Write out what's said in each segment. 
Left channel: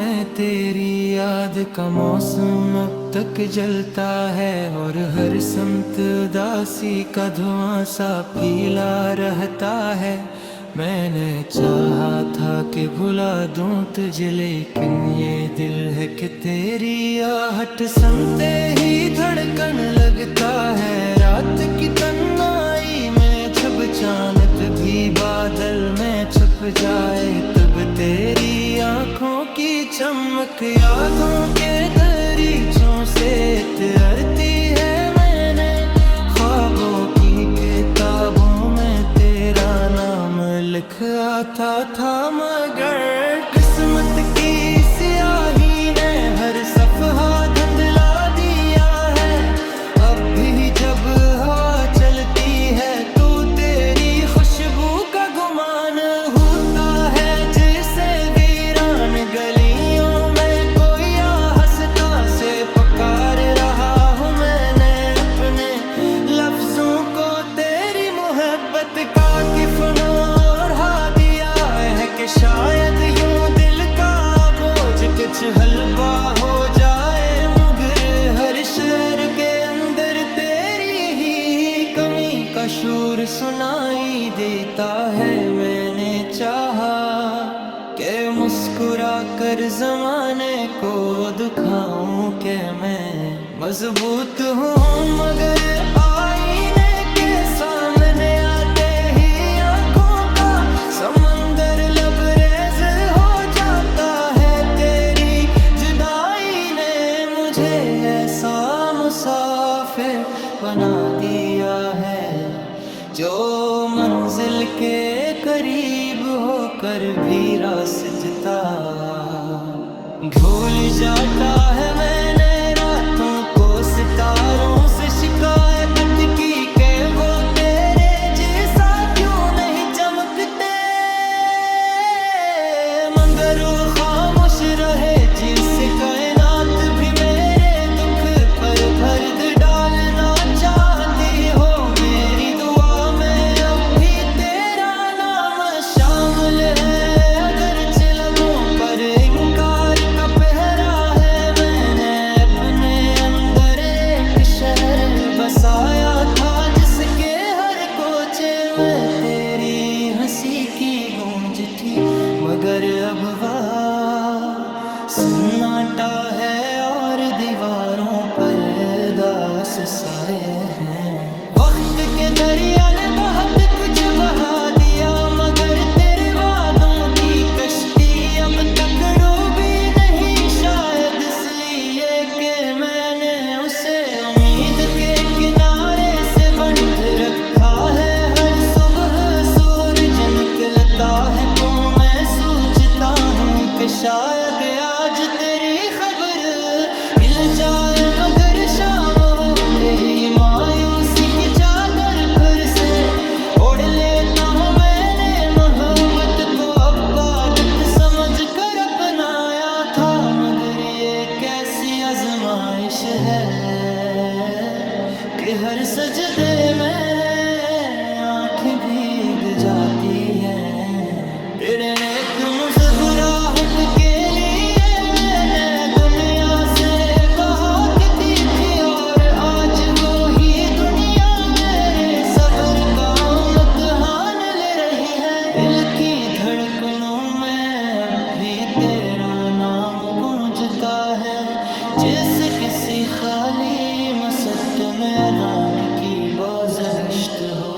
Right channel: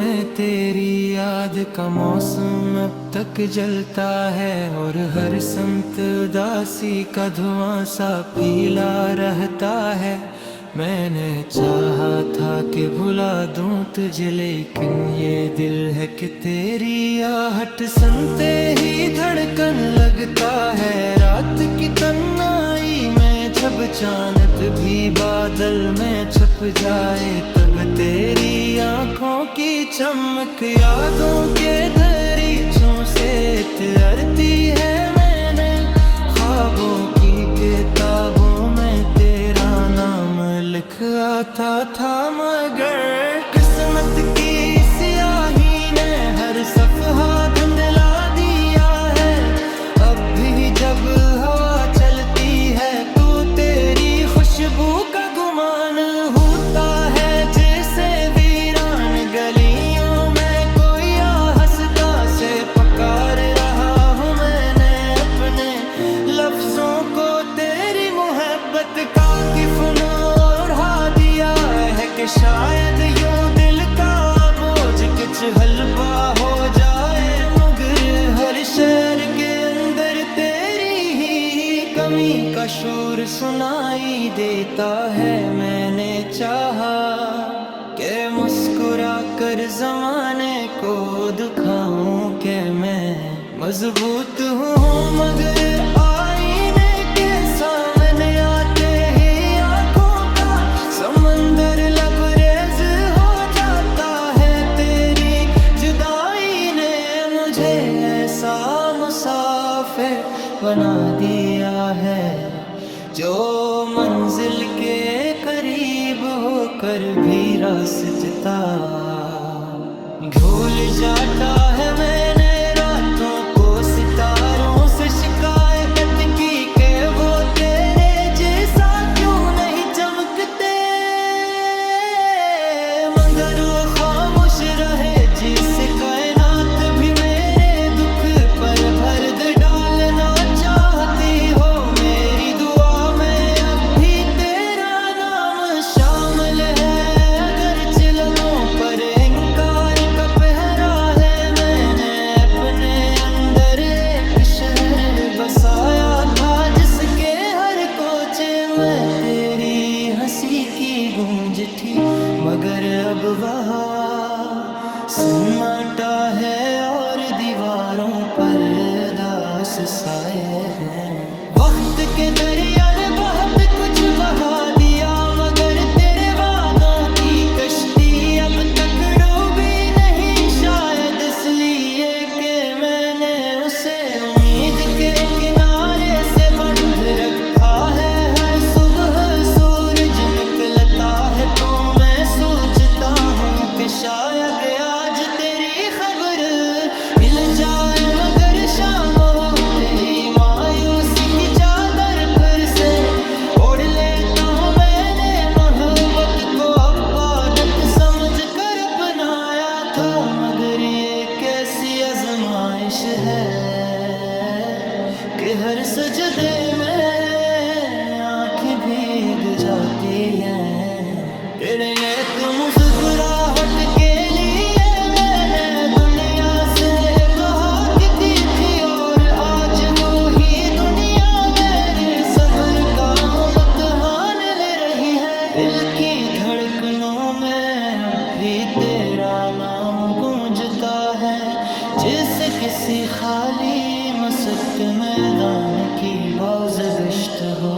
में तेरी याद का मौसम अब तक जलता है, और हर समत उदासी का धुआं सा पीला रहता है। मैंने चाहा था कि भुला दूं तुझे, लेकिन ये दिल है कि तेरी आहट सुनते ही धड़कन लगता है। रात की तन्हाई में जब चांद भी बादल में छुप जाए, तब तेरी आंखों की चमक यादों के दरीचों से तरती है। मैंने ख्वाबों की किताबों में तेरा नाम लिख आता था, मगर किस्मत की स्याही ने हर सफहा धुंधला दिया है। अब भी जब हवा चलती है तो तेरी खुशबू का गुमान होता है, जैसे वीरान गलियों में कोई हंसता से पुकार रहा हूँ। मैंने अपने लफ्जों को तेरी मोहब्बत का किफन ओढ़ा दिया है, कि शायद यूं दिल का बोझ कुछ हल्का हो जाए। मगर हर शहर के अंदर तेरी ही कमी का शोर सुनाई देता है। मैंने चाहा कि मुस्कुरा कर जमाने को दिखाऊं कि मैं मजबूत हूँ, मगर आईने के सामने आते ही आंखों का समंदर लबरेज हो जाता है। तेरी जुदाई ने मुझे ऐसा मुसाफिर बना दिया है, जो मंजिल के करीब होकर भी रास्ता भूल जाता है। मैंने रातों को सितारों से शिकायत की कि वो तेरे जैसा क्यों नहीं चमकते, मगर वो खामोश रहे जिससे कायनात भी मेरे दुख पर भर्द डालना चाहती हो। मेरी दुआ में अब भी तेरा नाम शामिल है, अगर लबों पर इनकार का पहरा है। मैंने अपने अंदर एक शहर बसाया था, जिसके हर कोचे में तेरी हंसी की गूंज थी, मगर अब वहाँ सन्नाटा है और दीवारों पर दास साए हैं। वक्त के दरिया ने बहुत कुछ बहा दिया, मगर तेरे वादों की कश्ती अब तक डूबी नहीं। शायद इसलिए कि मैंने उसे उम्मीद के किनारे से बंध रखा है। हर सुबह सूरज निकलता है तो मैं सोचता हूँ कि शायद के आज तेरी खबर मिल जाए, मगर शाम होते ही मायूसी की चादर फिर से ओढ़ लेता हूँ। मैंने मोहब्बत को इबादत समझ कर अपनाया था, मगर ये कैसी आजमाइश है कि हर सजदे में आंखें भीग जाती हैं। तेरे नेत मुस्कुराहट के लिए मैंने दुनिया से बहुत की थी, और आज वो ही दुनिया मेरे सब्र का इम्तिहान ले रही है। दिल की धड़कनों में अब भी तेरा नाम गूंजता है, जैसे किसी खाली मसद मैदान की बाज़गश्त हो।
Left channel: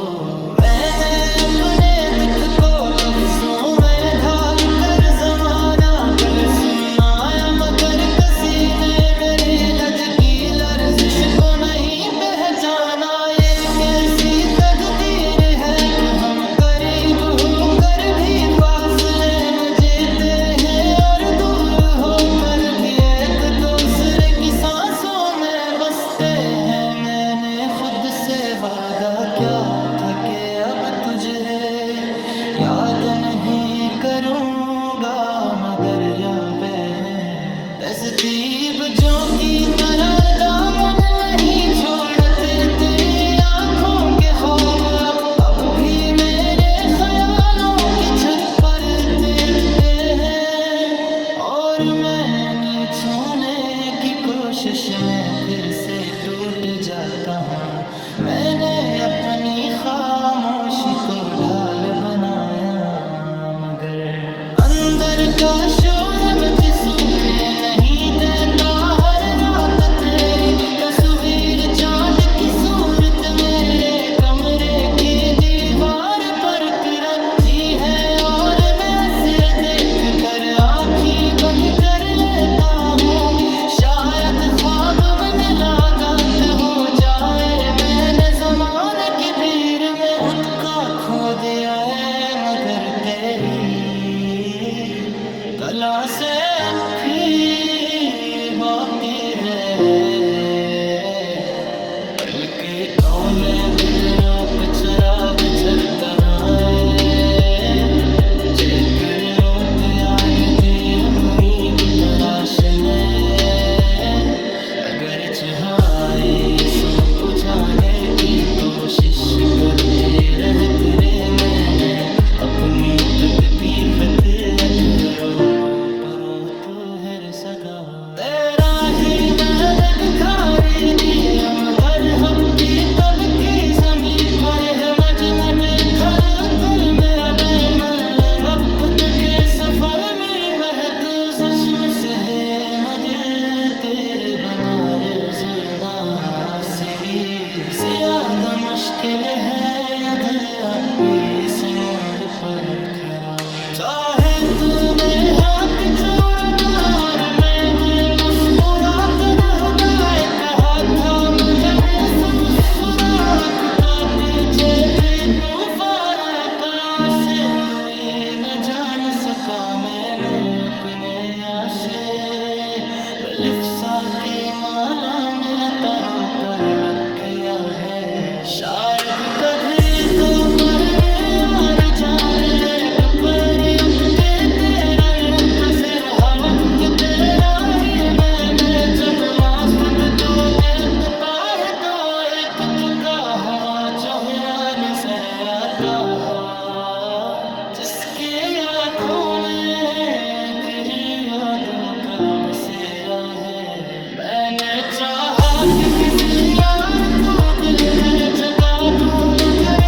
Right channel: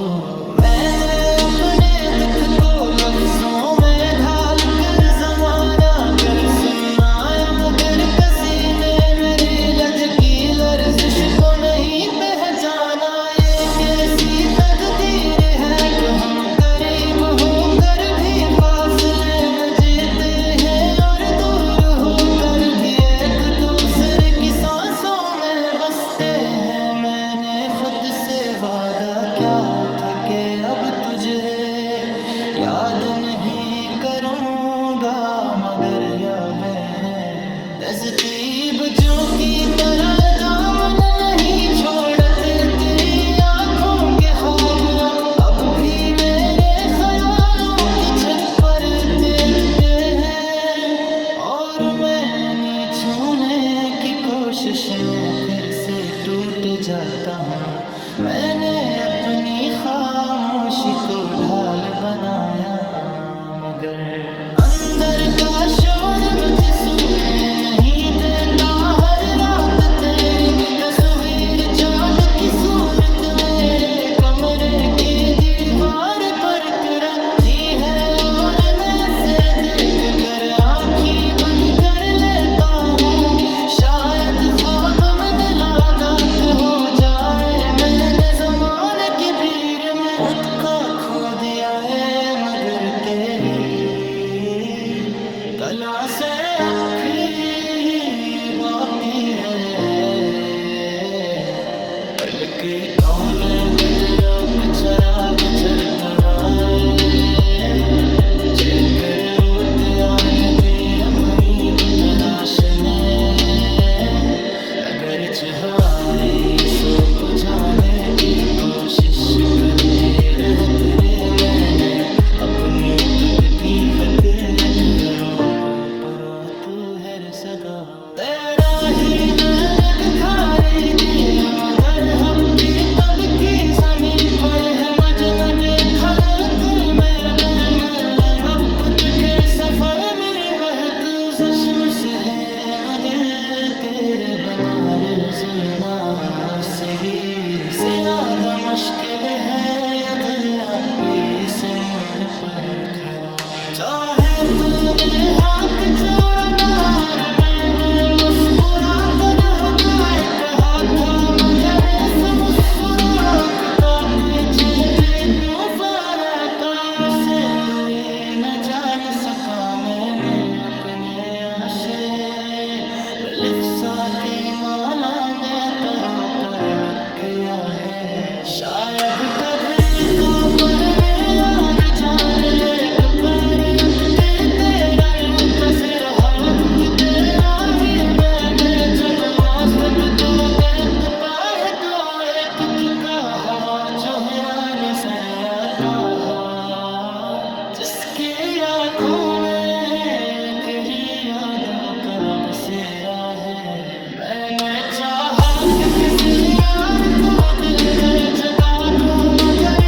मैंने अपने दुख को लफ्जों में ढाल कर जमाना कर सुनाया, मगर किसी ने मेरी लज की लर्जिश को नहीं पहचाना। ये कैसी तकदीर है कि हम करीब होकर भी फासले में जीते हैं, और दूर होकर भी एक दूसरे की सांसों में बसते हैं। मैंने खुद से वादा क्या था कि अब तुझे याद नहीं करूँगा, मगर यादें हैं तहज़ीब जो की तरह दामन नहीं छोड़ते। तेरी आंखों के ख्वाब अब भी मेरे ख्यालों की छत पर तैरते हैं, और मैं अपनी छूने की कोशिश में फिर से टूट जाता हूँ। मैंने अपनी खामोशी को ढाल बनाया, मगर अंदर का शोर मुझे सुनने नहीं देता। हर रात तेरी तस्वीर चांद की सूरत मेरे कमरे की दीवार पर रहती है, और मैं ऐसे देख कर आँखें बंद कर लेता हूँ। शायद ख्वाब में मुलाकात हो जाए, मैंने जमाने की भीड़ में खुद का खो दिया है, मगर तेरी कला से अब भी बाकी है। दिल के कोने दरिया पे चराग जलता है, जेकर लोते नदी उम्मीद तराशने। अगर हवाई सो को जाने की कोशिश करती रहती रे, मैंने अपनी तकती फितरत रोको, पर तू है सदा तेरा ही नैन दिखाई दिया, मगर हम भी तब की जमीन पर हम अजनबी खड़े में। अब वक्त के सफर में बहत चश्म से है मदिल, तेरे बनारस जीना से भी ज्यादा मुश्किल है ये दिल आपी से मोड़ पर खड़ा। चाहे तूने हाथ चोरादार, मैंने मुस्कुरा कर हुदायत हाथ था, मगर इस मुस्कुराहट का पीछे भी तूफान है। काश कोई न जान सका मैंने अपने आशे, लिप्सा की माला में तरो कर रखिया है। शायद कधरी का पर यार जान ले तो पर अब तेरा लूटा सिर हाथ तेरा ही मैं जब माफत तो देखता है तो एक चुका हवा चेहरा में सर आता है, जिसके आँखों में तेरी यादों का बसेरा है। मैंने चाहा कि किसी यार को दिल में जगा दूं, मगर